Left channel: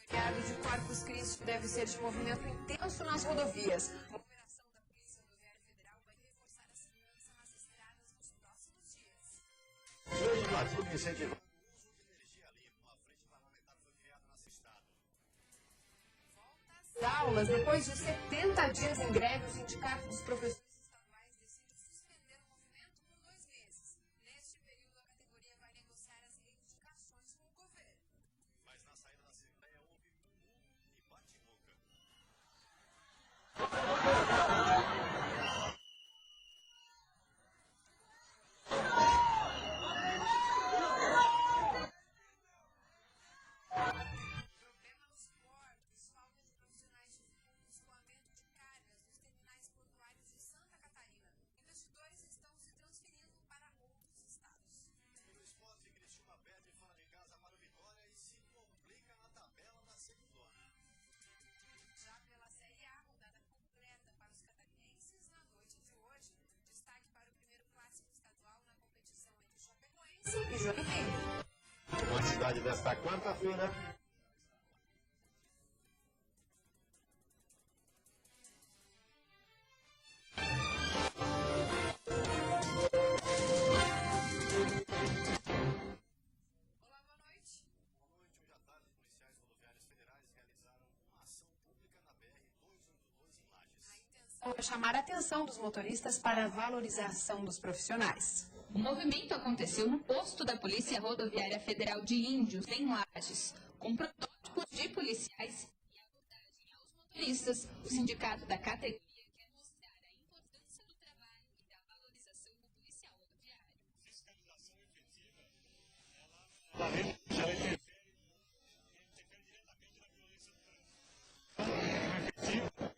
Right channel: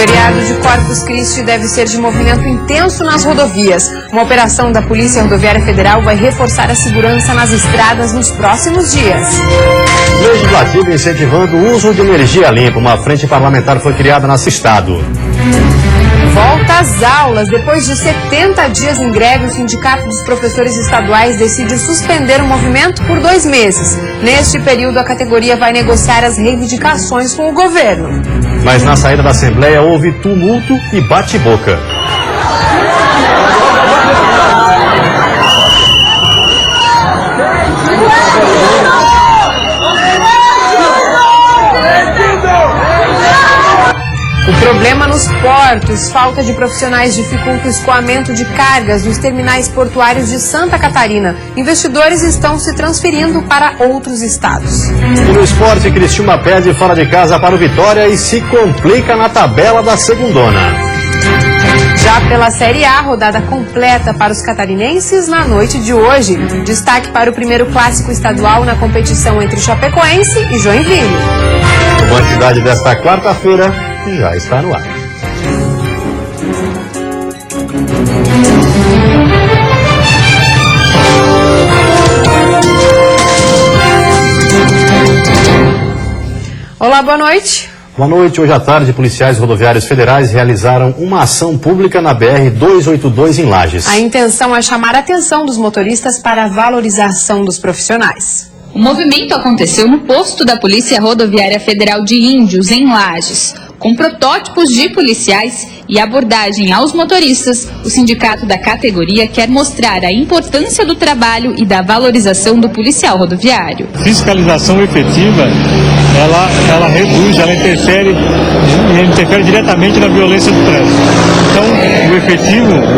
feriado de Corpus Christi deve ser de movimento intenso nas rodovias. Uma operação da Polícia Rodoviária Federal vai reforçar a segurança nas estradas nos próximos dias. Legislativo incentivando o uso de energia limpa. Uma frente parlamentar foi criada nesse estado. Volta às aulas. Depois de 70 dias em greve, o Sindicato dos Professores Estaduais decide suspender o movimento por 2 meses. Neste período, a categoria vai negociar as reivindicações com o governo. Mas na saída da Assembleia houve tumulto e bate-boca. O problema nos portos, falta de profissionais dificulta o escoamento de cargas nos terminais portuários de Santa Catarina. Investidores estão se transferindo para outros estados. E no esporte, Criciúma perde fora de casa para o Vitória e se complica na tabela da segundona. Já pela Série A, rodada completa para os catarinenses na noite de hoje. Destaque para o primeiro clássico estadual na competição entre Chapecoense e Joinville. A quantidade desta quarta-feira já está no ar. Olá, boa noite. Boa noite. Hoje à tarde, policiais rodoviários federais realizaram uma ação pública na BR-282 em Lages. A intenção é chamar a atenção dos motoristas para a valorização dos profissionais. O movimento aconteceu no posto da Polícia Rodoviária Federal de Índios, em Lages. Com protótipos de policiais e abordagem aos motoristas, o sindicato da categoria quer mostrar a importância do trabalho e da valorização do policial rodoviário. Fiscalização efetiva, ela reduz, ela interfere diretamente na violência do trânsito. Então,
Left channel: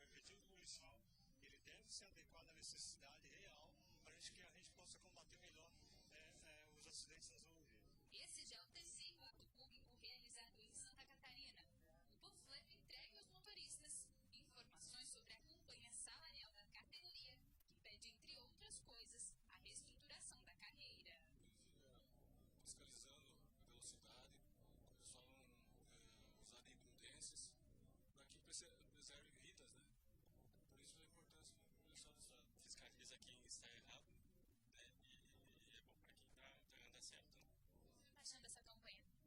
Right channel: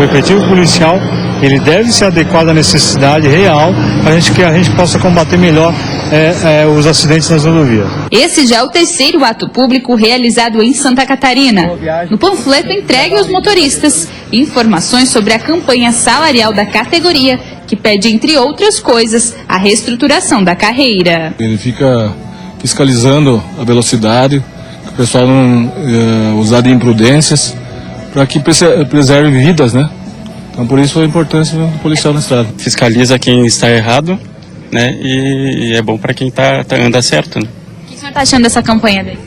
o efetivo policial, ele deve se adequar à necessidade real para que a gente possa combater melhor os acidentes nas rodovias. Esse já é o terceiro ato público realizado em Santa Catarina. No panfleto entregue aos motoristas informações sobre a campanha salarial da categoria, que pede, entre outras coisas, a reestruturação da carreira. Ele fica fiscalizando a velocidade, que o pessoal não usar de imprudências, para que preserve vidas, né? Então, por isso a importância do policial na estrada. Fiscaliza quem está errado, né? E é bom para quem anda certo, né? O que o senhor está achando dessa campanha dele?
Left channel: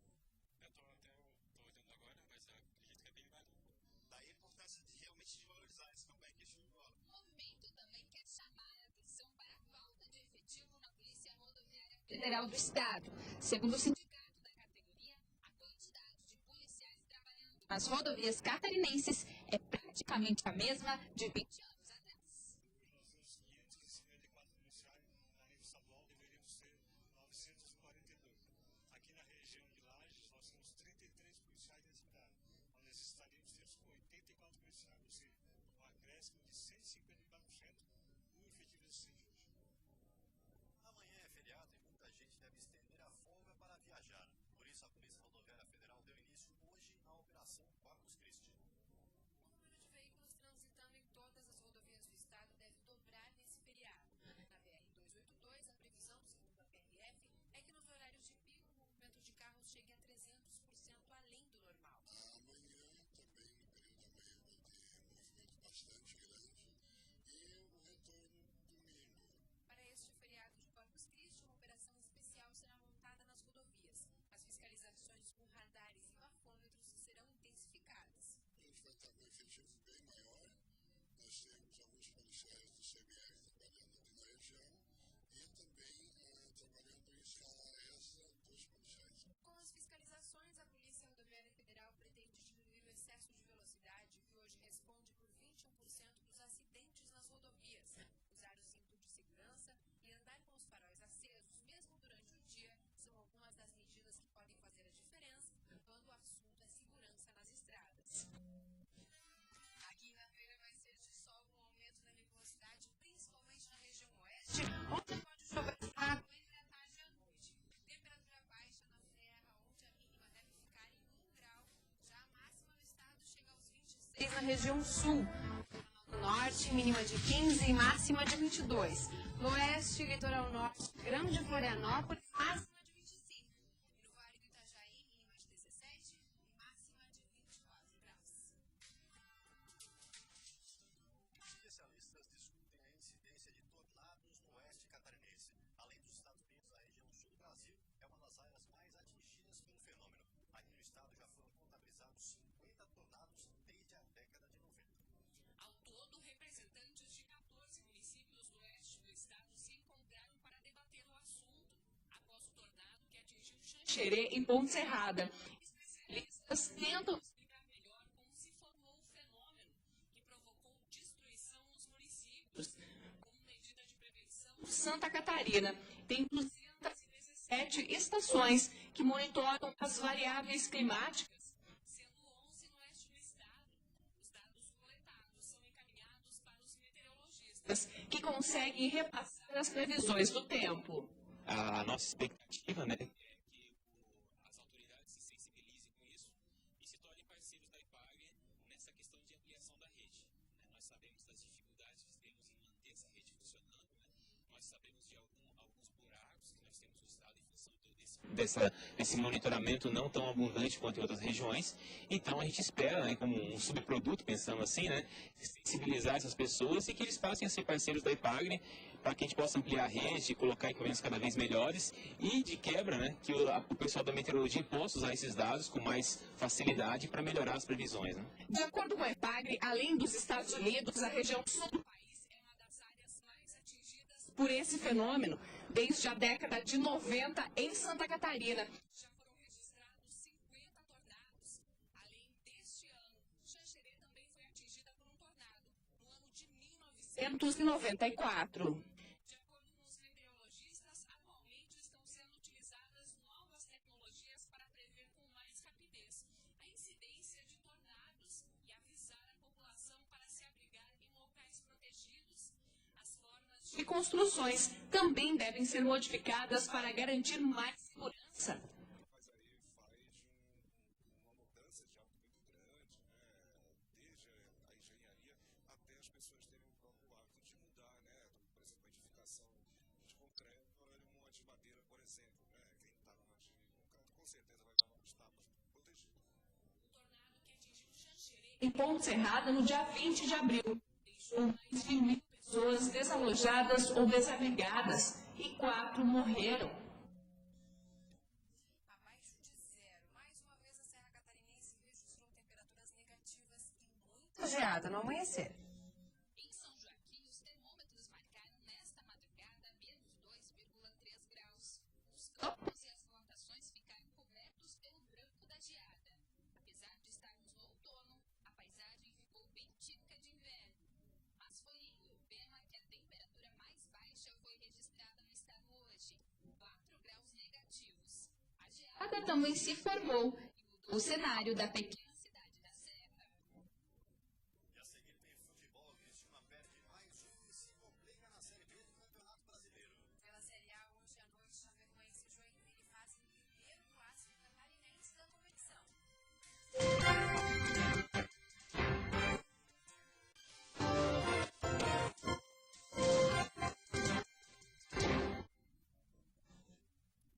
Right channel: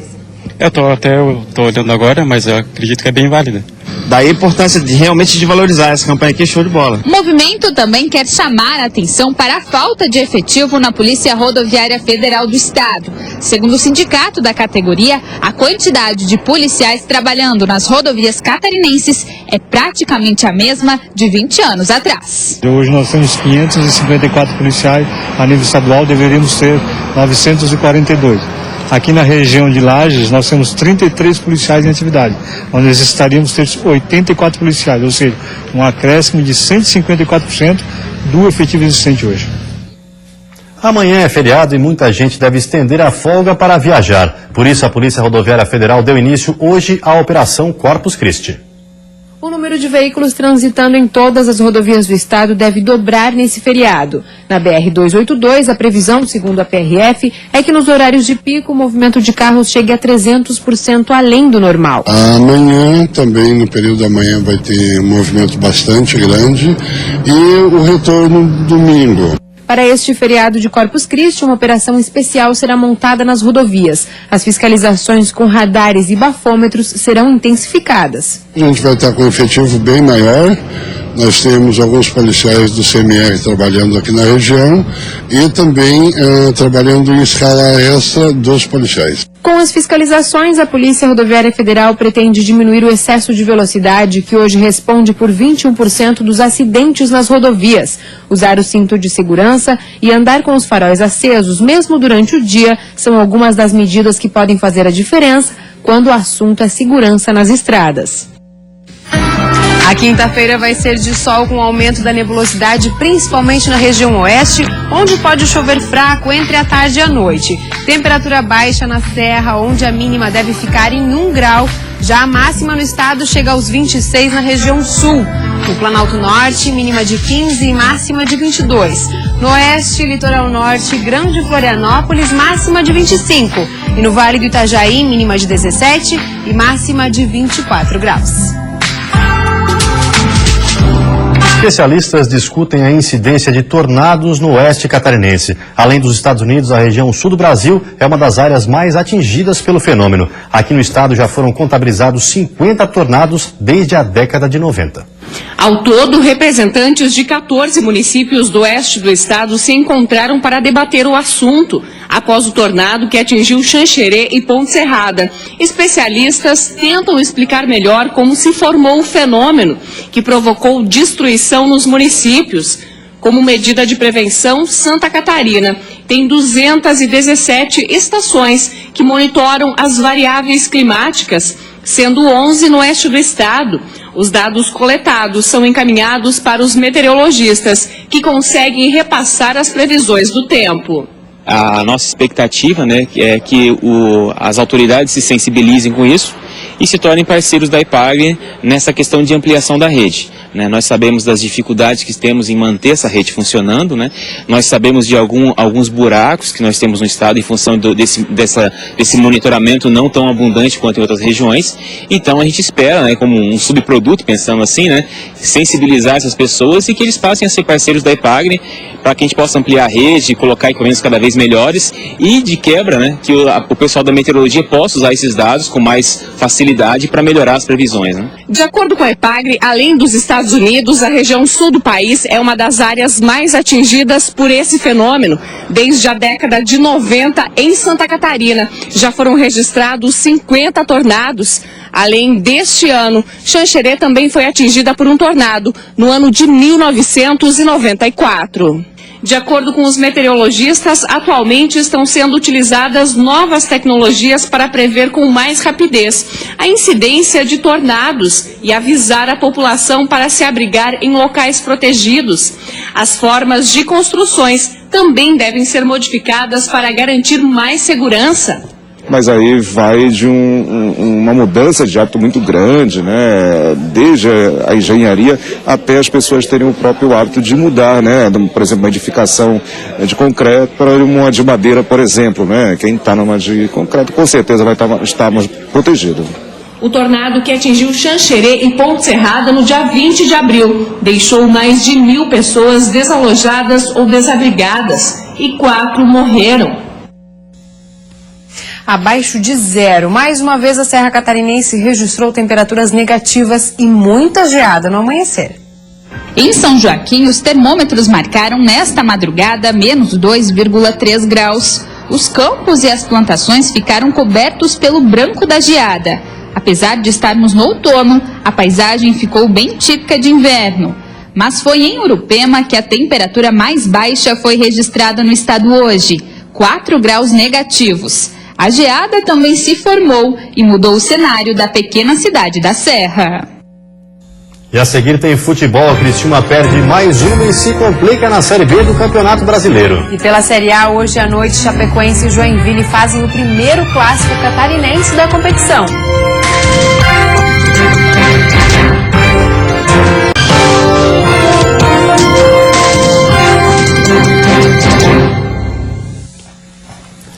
Eu tô olhando agora, mas eu acredito que é bem válida. Daí a importância realmente de valorizar essa campanha aqui, show de bola. O movimento também quer chamar a atenção para a falta de efetivo na Polícia Rodoviária Federal do Estado. Segundo o sindicato da categoria, a quantidade de policiais trabalhando nas rodovias catarinenses é praticamente a mesma de 20 anos atrás. Hoje nós temos 554 policiais, a nível estadual deveríamos ter 942. Aqui na região de Lages, nós temos 33 policiais em atividade, onde necessitaríamos ter 84 policiais, ou seja, um acréscimo de 154% do efetivo existente hoje. Amanhã é feriado e muita gente deve estender a folga para viajar. Por isso, a Polícia Rodoviária Federal deu início hoje à Operação Corpus Christi. O número de veículos transitando em todas as rodovias do estado deve dobrar nesse feriado. Na BR-282, a previsão, segundo a PRF, é que nos horários de pico o movimento de carros chegue a 300% além do normal. Amanhã, também no período da manhã, vai ter um movimento bastante grande e o retorno domingo. Para este feriado de Corpus Christi, uma operação especial será montada nas rodovias. As fiscalizações com radares e bafômetros serão intensificadas. A gente vai estar com um efetivo bem maior. Nós temos alguns policiais do CMR trabalhando aqui na região e também trabalhando em escala extra dos policiais. Com as fiscalizações, a Polícia Rodoviária Federal pretende diminuir o excesso de velocidade, que hoje responde por 21% dos acidentes nas rodovias. Usar o cinto de segurança e andar com os faróis acesos, mesmo durante o dia, são algumas das medidas que podem fazer a diferença quando o assunto é segurança nas estradas. A quinta-feira vai ser de sol com aumento da nebulosidade, principalmente na região oeste, onde pode chover fraco entre a tarde e a noite. Temperatura baixa na serra, onde a mínima deve ficar em 1 grau. Já a máxima no estado chega aos 26 na região sul. No Planalto Norte, mínima de 15 e máxima de 22. No oeste, litoral norte, Grande Florianópolis, máxima de 25. E no Vale do Itajaí, mínima de 17 e máxima de 24 graus. Especialistas discutem a incidência de tornados no oeste catarinense. Além dos Estados Unidos, a região sul do Brasil é uma das áreas mais atingidas pelo fenômeno. Aqui no estado já foram contabilizados 50 tornados desde a década de 90. Ao todo, representantes de 14 municípios do oeste do estado se encontraram para debater o assunto após o tornado que atingiu Xanxerê e Ponte Serrada. Especialistas tentam explicar melhor como se formou o fenômeno que provocou destruição nos municípios. Como medida de prevenção, Santa Catarina tem 217 estações que monitoram as variáveis climáticas, sendo 11 no oeste do estado. Os dados coletados são encaminhados para os meteorologistas, que conseguem repassar as previsões do tempo. A nossa expectativa, né, é que as autoridades se sensibilizem com isso e se tornem parceiros da EPAGRE nessa questão de ampliação da rede. Nós sabemos das dificuldades que temos em manter essa rede funcionando, né? Nós sabemos de alguns buracos que nós temos no estado em função desse monitoramento não tão abundante quanto em outras regiões. Então a gente espera, né, como um subproduto, pensando assim, né, sensibilizar essas pessoas e que eles passem a ser parceiros da EPAGRE para que a gente possa ampliar a rede, colocar equipamentos cada vez melhores e, de quebra, né, que o pessoal da meteorologia possa usar esses dados com mais facilidade para melhorar as previsões. Né? De acordo com a EPAGRE, além dos Estados Unidos, a região sul do país é uma das áreas mais atingidas por esse fenômeno. Desde a década de 90, em Santa Catarina, já foram registrados 50 tornados. Além deste ano, Xanxerê também foi atingida por um tornado no ano de 1994. De acordo com os meteorologistas, atualmente estão sendo utilizadas novas tecnologias para prever com mais rapidez a incidência de tornados e avisar a população para se abrigar em locais protegidos. As formas de construções também devem ser modificadas para garantir mais segurança. Mas aí vai de uma mudança de hábito muito grande, né? Desde a engenharia até as pessoas terem o próprio hábito de mudar, né? Por exemplo, uma edificação de concreto para uma de madeira, por exemplo, né? Quem está numa de concreto com certeza vai estar mais protegido. O tornado que atingiu Xanxerê e Ponte Serrada no dia 20 de abril deixou mais de 1.000 pessoas desalojadas ou desabrigadas e 4 morreram. Abaixo de zero. Mais uma vez a Serra Catarinense registrou temperaturas negativas e muita geada no amanhecer. Em São Joaquim, os termômetros marcaram nesta madrugada menos 2,3 graus. Os campos e as plantações ficaram cobertos pelo branco da geada. Apesar de estarmos no outono, a paisagem ficou bem típica de inverno. Mas foi em Urupema que a temperatura mais baixa foi registrada no estado hoje, 4 graus negativos. A geada também se formou e mudou o cenário da pequena cidade da Serra. E a seguir tem futebol. A Criciúma perde mais uma e se complica na Série B do Campeonato Brasileiro. E pela Série A, hoje à noite, Chapecoense e Joinville fazem o primeiro clássico catarinense da competição.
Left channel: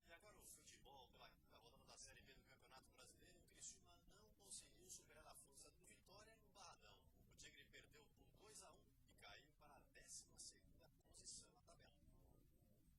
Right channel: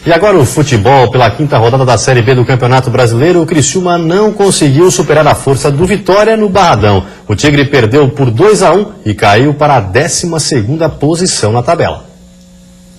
E agora o futebol, pela quinta rodada da Série B do Campeonato Brasileiro, o Criciúma não conseguiu superar a força do Vitória no Barradão. O Tigre perdeu por 2-1 e caiu para a 12ª posição na tabela.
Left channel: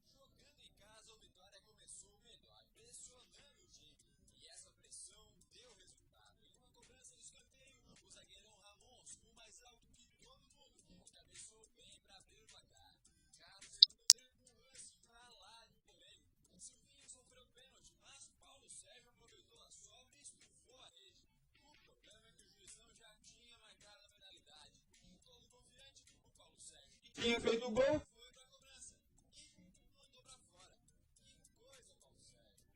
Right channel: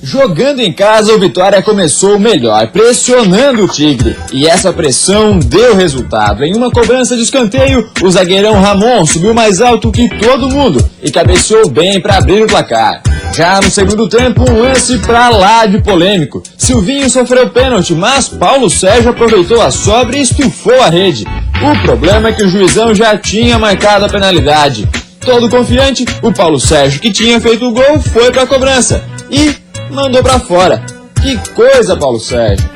Jogando em casa, o Vitória começou melhor, pressionando o Tigre. E essa pressão deu resultado. Em uma cobrança de escanteio, o zagueirão Ramon subiu mais alto que todo mundo e cabeceou bem para abrir o placar. Já no segundo tempo, um lance pra lá de polêmico. Silvinho sofreu pênalti, mas Paulo Sérgio aproveitou a sobra e estufou a rede. O problema é que o juizão já tinha marcado a penalidade. Todo confiante, o Paulo Sérgio, que tinha feito o gol, foi pra cobrança e mandou pra fora. Que coisa, Paulo Sérgio!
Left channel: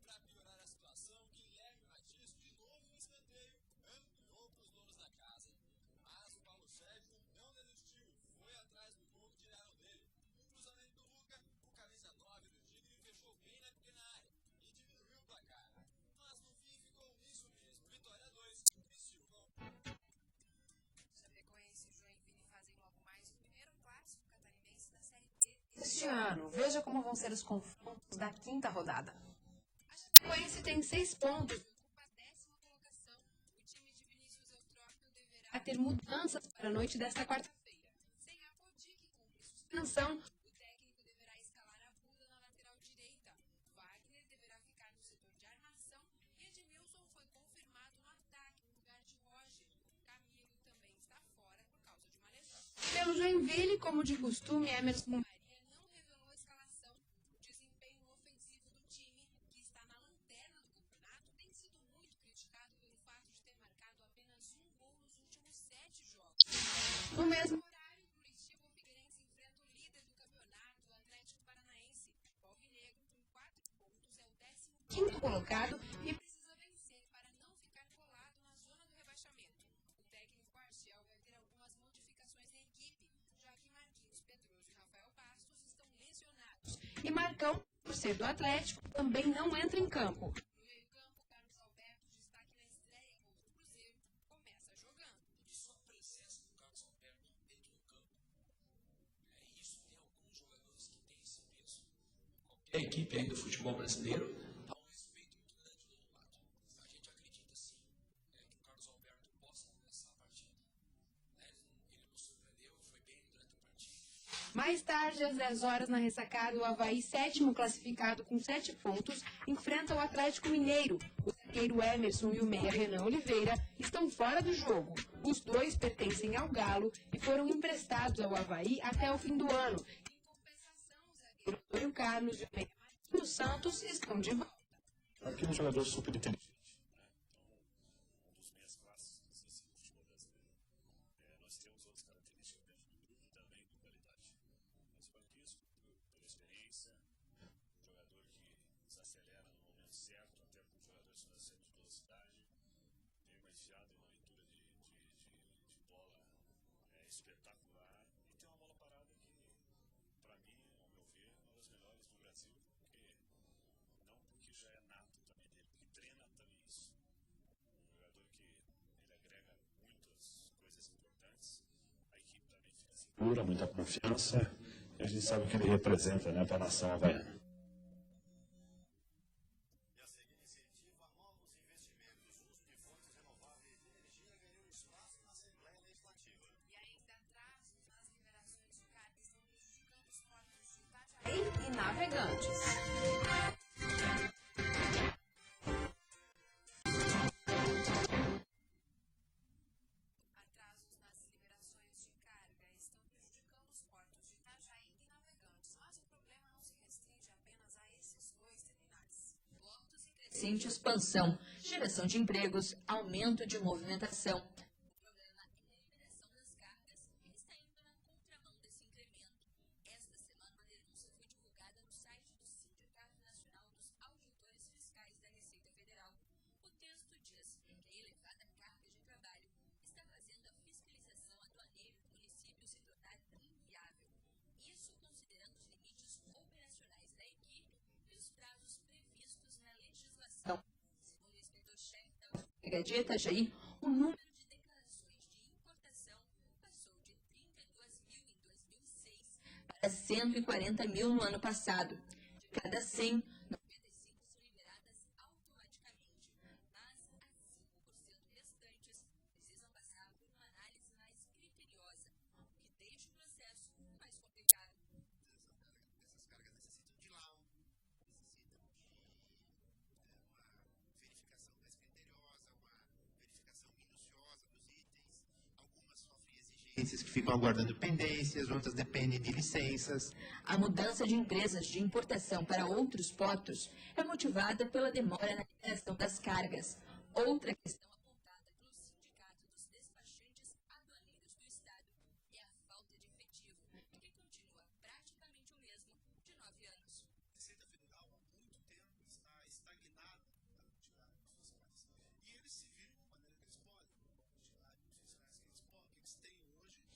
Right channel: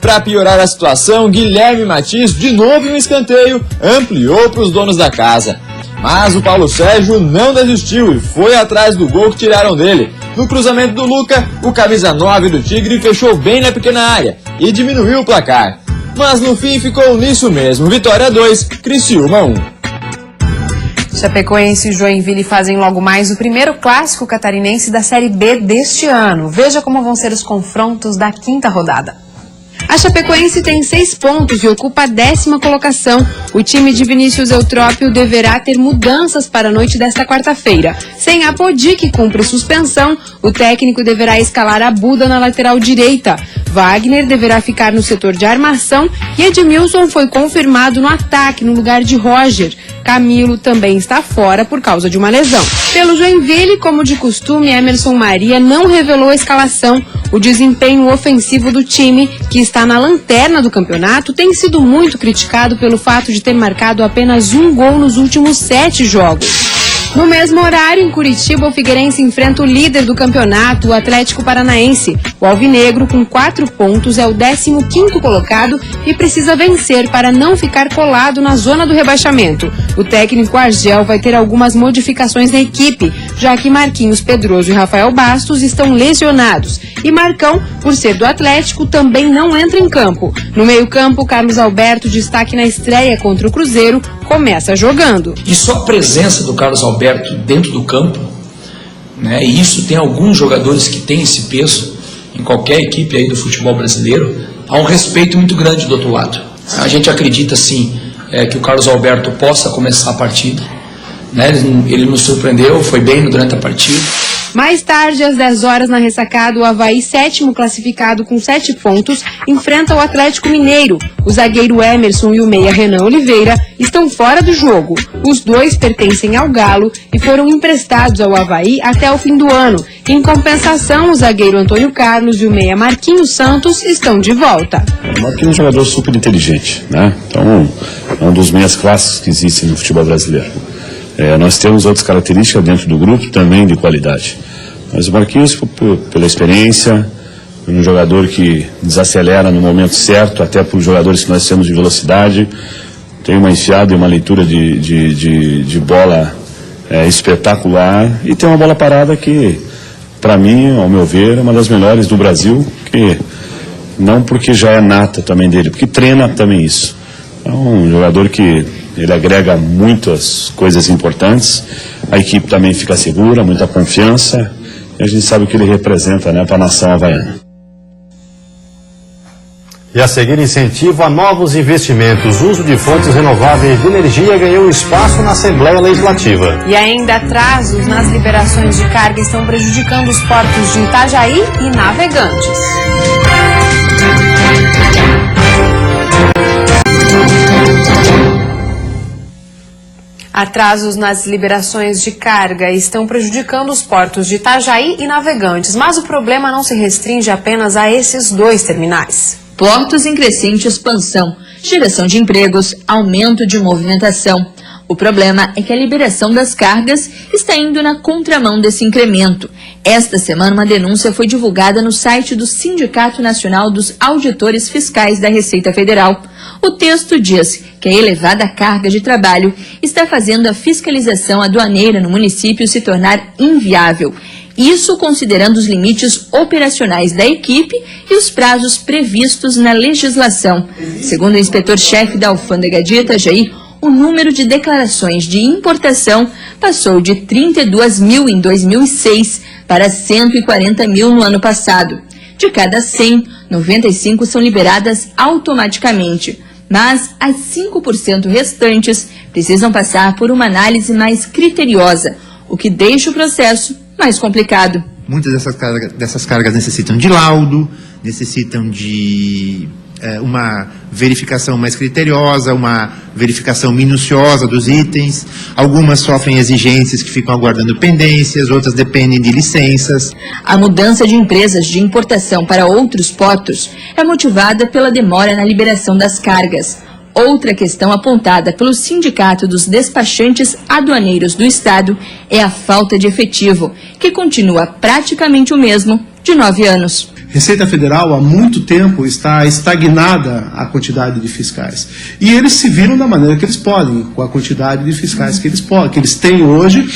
Para piorar a situação, Guilherme Matias, de novo em um escanteio, ampliou para os donos da casa. Mas o Paulo Sérgio não desistiu e foi atrás do gol que tiraram dele. No cruzamento do Luca, o camisa 9 do Tigre fechou bem na pequena área e diminuiu o placar. Mas no fim ficou nisso mesmo, Vitória 2, Criciúma 1. Chapecoense e Joinville fazem logo mais o primeiro clássico catarinense da Série B deste ano. Veja como vão ser os confrontos da 5ª rodada. A Chapecoense tem 6 pontos e ocupa a 10ª colocação. O time de Vinícius Eutrópio deverá ter mudanças para a noite desta quarta-feira. Sem Apodi, que cumpre suspensão, o técnico deverá escalar a Buda na lateral direita. Wagner deverá ficar no setor de armação e Edmilson foi confirmado no ataque no lugar de Roger. Camilo também está fora por causa de uma lesão. Pelo Joinville, como de costume, Emerson Maria não revelou a escalação. O desempenho ofensivo do time, que está na lanterna do campeonato, tem sido muito criticado pelo fato de ter marcado apenas 1 gol nos últimos 7 jogos. No mesmo horário, em Curitiba, o Figueirense enfrenta o líder do campeonato, o Atlético Paranaense. O alvinegro, com 4 pontos, é o 15º colocado e precisa vencer para não ficar colado na zona do rebaixamento. O técnico Argel vai ter algumas modificações na equipe, já que Marquinhos Pedroso e Rafael Bastos estão lesionados. E Marcão, por ser do Atlético, também não entra em campo. No meio-campo, Carlos Alberto, destaque na estreia contra o Cruzeiro, começa jogando. E só a presença do Carlos Alberto dentro do campo, né, e isso tem alguns jogadores que têm esse peso em qualquer equipe aí do futebol brasileiro, há um respeito muito grande do outro lado. A gente acredita sim que o Carlos Alberto possa começar a partida, né, ele nos surpreendeu, foi bem durante a partida. Mais tarde, às 10 horas, na ressacada, o Avaí, 7º classificado com 7 pontos, enfrenta o Atlético Mineiro. O zagueiro Emerson e o meia Renan Oliveira estão fora do jogo. Os dois pertencem ao Galo e foram emprestados ao Avaí até o fim do ano. Em compensação, o zagueiro Antônio Carlos e o meia Marquinhos Santos estão de volta. O Marquinhos é um jogador super inteligente, né? Então, é um dos meias clássicos que existem no futebol brasileiro. Nós temos outras características dentro do grupo também de qualidade. Mas o Marquinhos, pela experiência, um jogador que desacelera no momento certo, até por jogadores que nós temos de velocidade, tem uma enfiada e uma leitura de bola espetacular e tem uma bola parada que, para mim, ao meu ver, é uma das melhores do Brasil, que não porque já é nata também dele, porque treina também isso. É um jogador que ele agrega muitas coisas importantes, a equipe também fica segura, muita confiança, e a gente sabe o que ele representa, né, para a nação havaiana. E a seguir, incentivo a novos investimentos. O uso de fontes renováveis de energia ganhou espaço na Assembleia Legislativa. E ainda atrasos nas liberações de carga estão prejudicando os portos de Itajaí e Navegantes. Atrasos nas liberações de carga estão prejudicando os portos de Itajaí e Navegantes, mas o problema não se restringe apenas a esses 2 terminais. Portos em crescente expansão, geração de empregos, aumento de movimentação. O problema é que a liberação das cargas está indo na contramão desse incremento. Esta semana, uma denúncia foi divulgada no site do Sindicato Nacional dos Auditores Fiscais da Receita Federal. O texto diz que a elevada carga de trabalho está fazendo a fiscalização aduaneira no município se tornar inviável. Isso considerando os limites operacionais da equipe e os prazos previstos na legislação. Segundo o inspetor-chefe da Alfândega de Itajaí, o número de declarações de importação passou de 32 mil em 2006 para 140 mil no ano passado. De cada 100, 95 são liberadas automaticamente, mas as 5% restantes precisam passar por uma análise mais criteriosa, o que deixa o processo mais complicado. Muitas dessas cargas necessitam de laudo, necessitam de uma verificação mais criteriosa, uma verificação minuciosa dos itens. Algumas sofrem exigências que ficam aguardando pendências, outras dependem de licenças. A mudança de empresas de importação para outros portos é motivada pela demora na liberação das cargas. Outra questão apontada pelo Sindicato dos Despachantes Aduaneiros do Estado é a falta de efetivo, que continua praticamente o mesmo de 9 anos. Receita Federal há muito tempo está estagnada a quantidade de fiscais. E eles se viram da maneira que eles podem, com a quantidade de fiscais que eles têm hoje,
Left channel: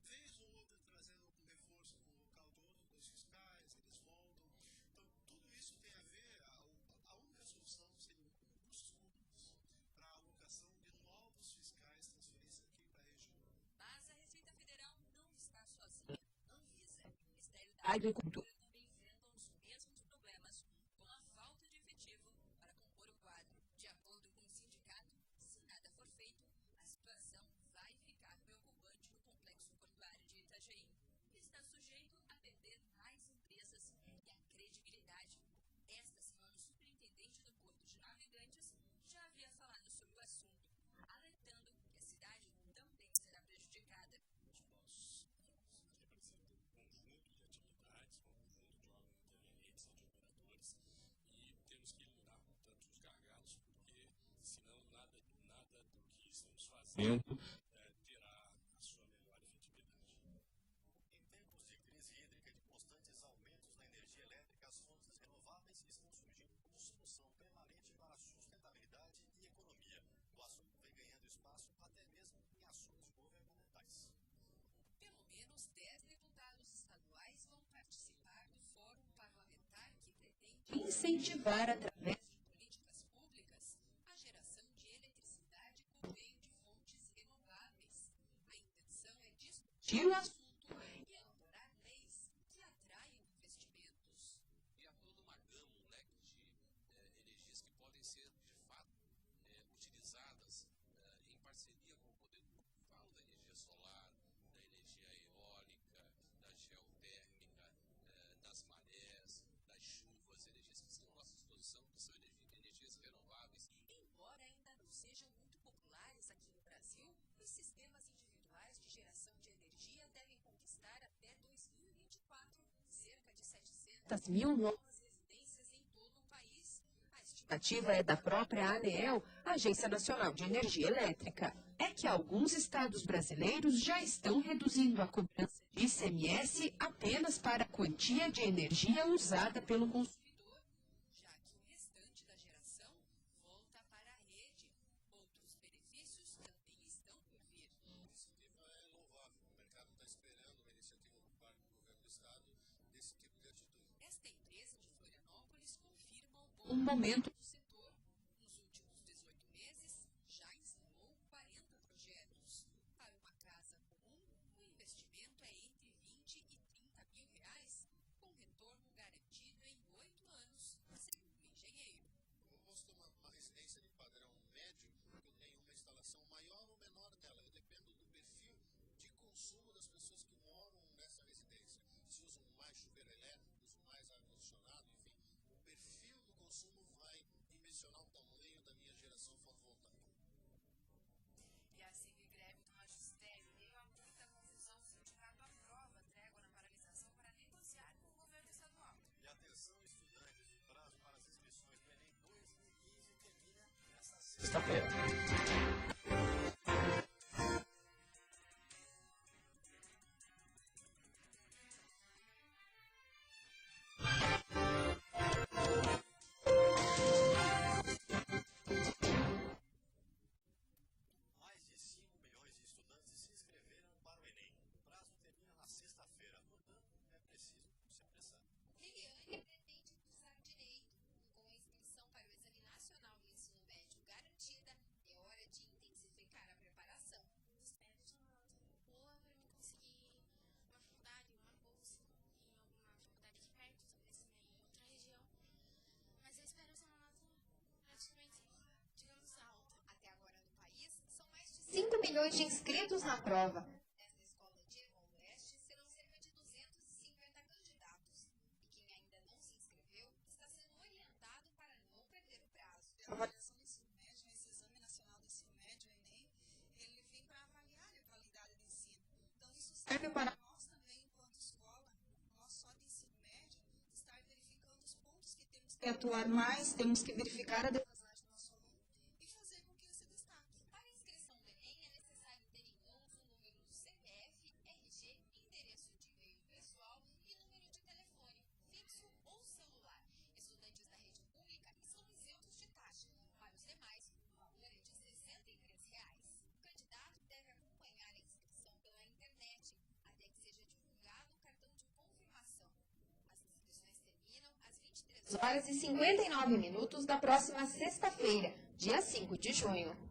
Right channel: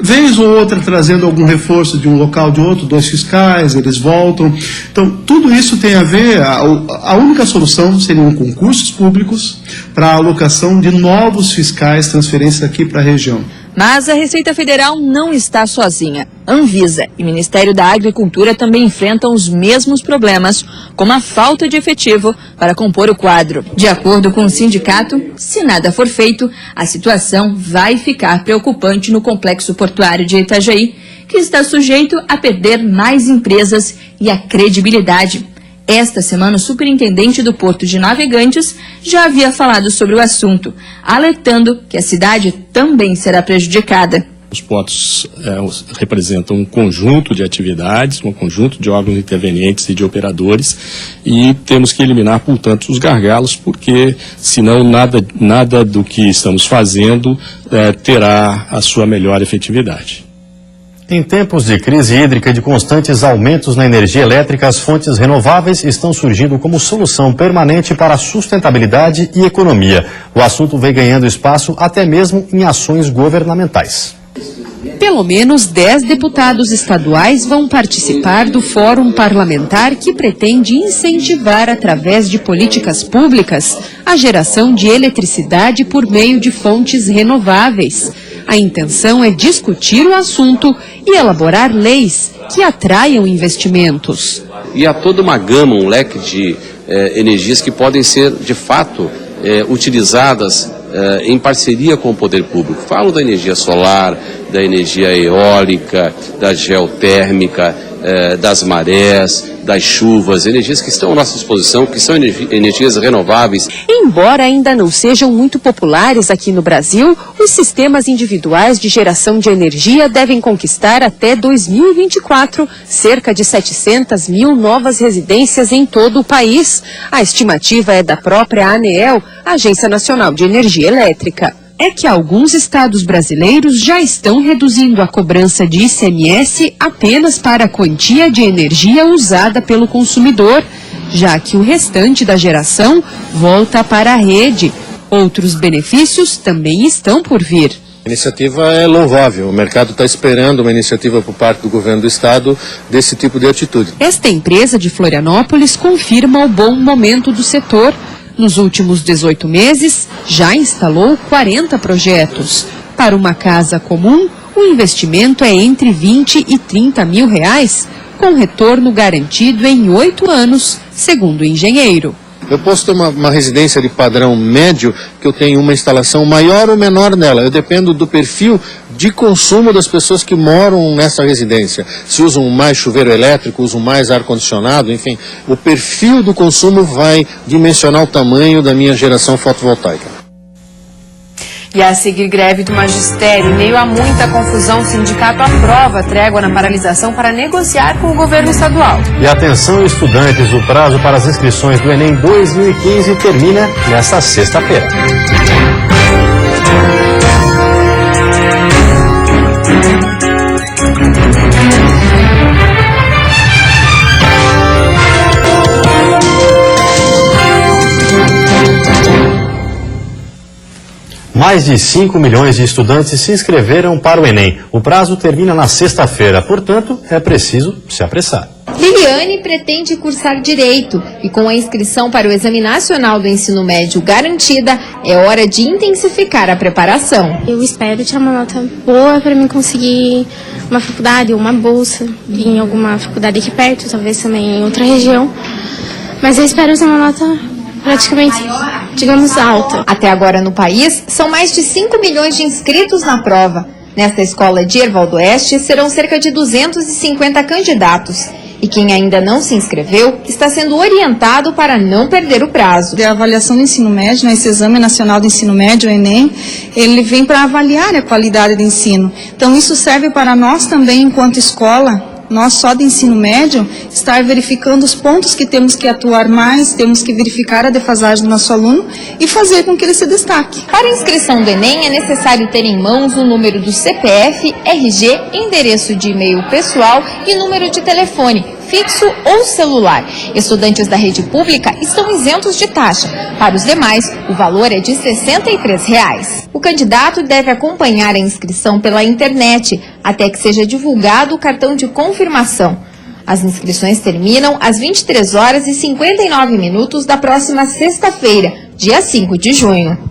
vez ou outra trazendo algum reforço de um local de outro, 2 fiscais, eles voltam. Então, tudo isso tem a ver, a única solução seriam concursos públicos para a alocação de novos fiscais, transferências aqui para a região. Mas a Receita Federal não está sozinha. Anvisa e Ministério da Agricultura também enfrentam os mesmos problemas, como a falta de efetivo para compor o quadro. De acordo com o sindicato, se nada for feito, a situação vai ficar preocupante no complexo portuário de Itajaí, que está sujeito a perder mais empresas e a credibilidade. Esta semana, o superintendente do Porto de Navegantes já havia falado sobre o assunto, alertando que a cidade também será prejudicada. Os portos representam um conjunto de atividades, um conjunto de órgãos intervenientes e de operadores, e temos que eliminar, portanto, os gargalos, porque senão nada do que estamos fazendo terá a sua melhor efetividade. Em tempos de crise hídrica e de constantes aumentos na energia elétrica, as fontes renováveis estão surgindo como solução permanente para a sustentabilidade e economia. O assunto vem ganhando espaço até mesmo em ações governamentais. Pelo menos 10 deputados estaduais vão participar do Fórum Parlamentar que pretende incentivar, através de políticas públicas, a geração de eletricidade por meio de fontes renováveis. A intenção é discutir o assunto e elaborar leis que atraiam investimentos. E há toda uma gama, um leque de energias que podem ser, de fato, utilizadas em parceria com o poder público. Falo da energia solar, da energia eólica, da geotérmica, das marés, das chuvas, energias que estão à nossa disposição, que são energias renováveis. Embora ainda não sejam muito populares aqui no Brasil, os sistemas individuais de geração de energia devem conquistar até 2024 cerca de 700 mil novas residências em todo o país. A estimativa é da própria ANEEL, Agência Nacional de Energia Elétrica. É que alguns estados brasileiros já estão reduzindo a cobrança de ICMS apenas para a quantia de energia usada pelo consumidor, já que o restante da geração volta para a rede. Outros benefícios também estão por vir. A iniciativa é louvável, o mercado está esperando uma iniciativa por parte do governo do estado desse tipo de atitude. Esta empresa de Florianópolis confirma o bom momento do setor. Nos últimos 18 meses, já instalou 40 projetos. Para uma casa comum, o investimento é entre 20 e 30 mil reais, com retorno garantido em 8 anos, segundo o engenheiro. Eu posso ter uma residência de padrão médio, que eu tenho uma instalação maior ou menor nela. Eu dependo do perfil de consumo das pessoas que moram nessa residência. Se usam mais chuveiro elétrico, usam mais ar-condicionado, enfim. O perfil do consumo vai dimensionar o tamanho da minha geração fotovoltaica. E a seguir, greve do magistério. Em meio a muita confusão, o sindicato aprova a trégua na paralisação para negociar com o governo estadual. E atenção, estudantes, o prazo para as inscrições do Enem 2015 termina nesta sexta-feira. Mais de 5 milhões de estudantes se inscreveram para o Enem. O prazo termina na sexta-feira, portanto, é preciso se apressar. Liliane pretende cursar Direito e com a inscrição para o Exame Nacional do Ensino Médio garantida, é hora de intensificar a preparação. Eu espero tirar uma nota boa para mim conseguir uma faculdade ou uma bolsa em alguma faculdade aqui perto, talvez também em outra região. Mas eu espero ter uma nota praticamente, digamos, alta. Até agora no país, são mais de 5 milhões de inscritos na prova. Nesta escola de Herval do Oeste, serão cerca de 250 candidatos. E quem ainda não se inscreveu está sendo orientado para não perder o prazo. A avaliação do ensino médio, né, esse Exame Nacional do Ensino Médio, o Enem, ele vem para avaliar a qualidade do ensino. Então isso serve para nós também, enquanto escola, nós só de ensino médio, estar verificando os pontos que temos que atuar mais, temos que verificar a defasagem do nosso aluno e fazer com que ele se destaque. Para a inscrição do Enem é necessário ter em mãos o número do CPF, RG, endereço de e-mail pessoal e número de telefone. fixo ou celular. Estudantes da rede pública estão isentos de taxa. Para os demais, o valor é de R$ 63. O candidato deve acompanhar a inscrição pela internet até que seja divulgado o cartão de confirmação. As inscrições terminam às 23h59 da próxima sexta-feira, dia 5 de junho.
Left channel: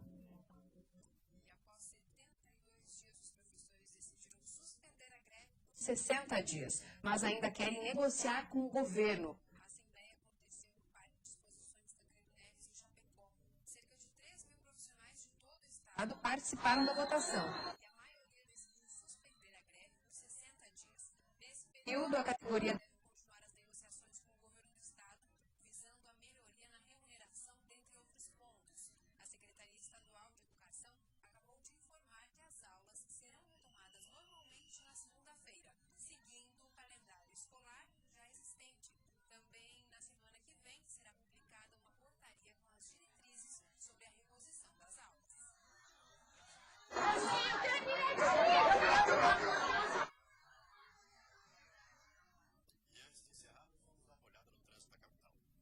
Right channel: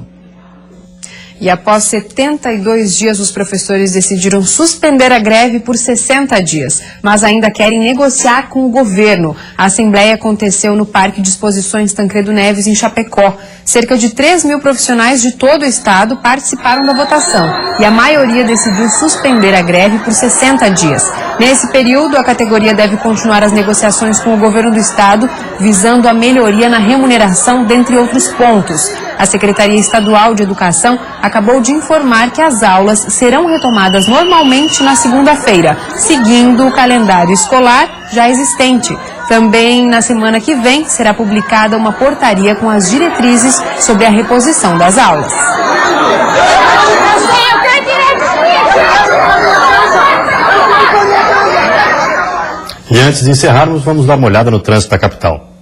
E após 72 dias, os professores decidiram suspender a greve por 60 dias, mas ainda querem negociar com o governo. A assembleia aconteceu no Parque de Exposições Tancredo Neves, em Chapecó. Cerca de 3 mil profissionais de todo o estado participaram da votação e a maioria decidiu suspender a greve por 60 dias. Nesse período, a categoria deve continuar as negociações com o governo do estado, visando a melhoria na remuneração, dentre outros pontos. A Secretaria Estadual de Educação acabou de informar que as aulas serão retomadas normalmente na segunda-feira, seguindo o calendário escolar já existente. Também na semana que vem será publicada uma portaria com as diretrizes sobre a reposição das aulas. E antes de encerrarmos, vamos dar uma olhada no trânsito da capital.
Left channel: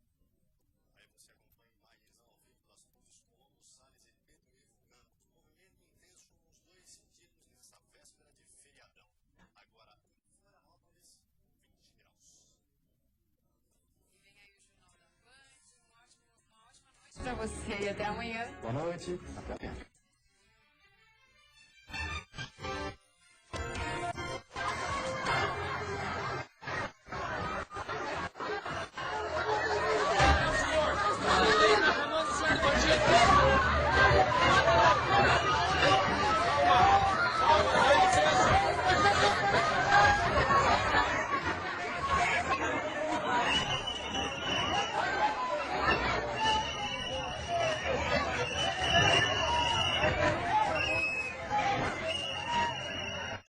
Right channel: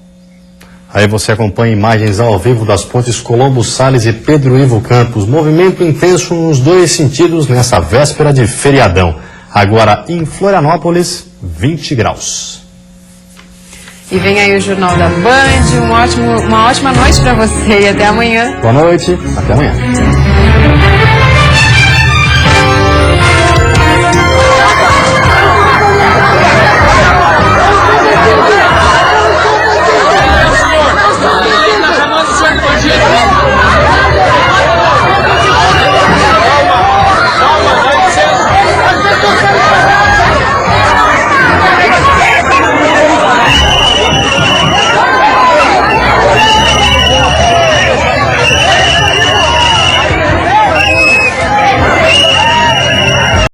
Aí você acompanha imagens ao vivo das pontes Colombo Salles e Pedro Ivo Campos. Movimento intenso nos dois sentidos nessa véspera de feriadão. Agora em Florianópolis, 20 graus. E vem aí o Jornal da Band. Uma ótima noite para você e até amanhã. Boa noite, até amanhã.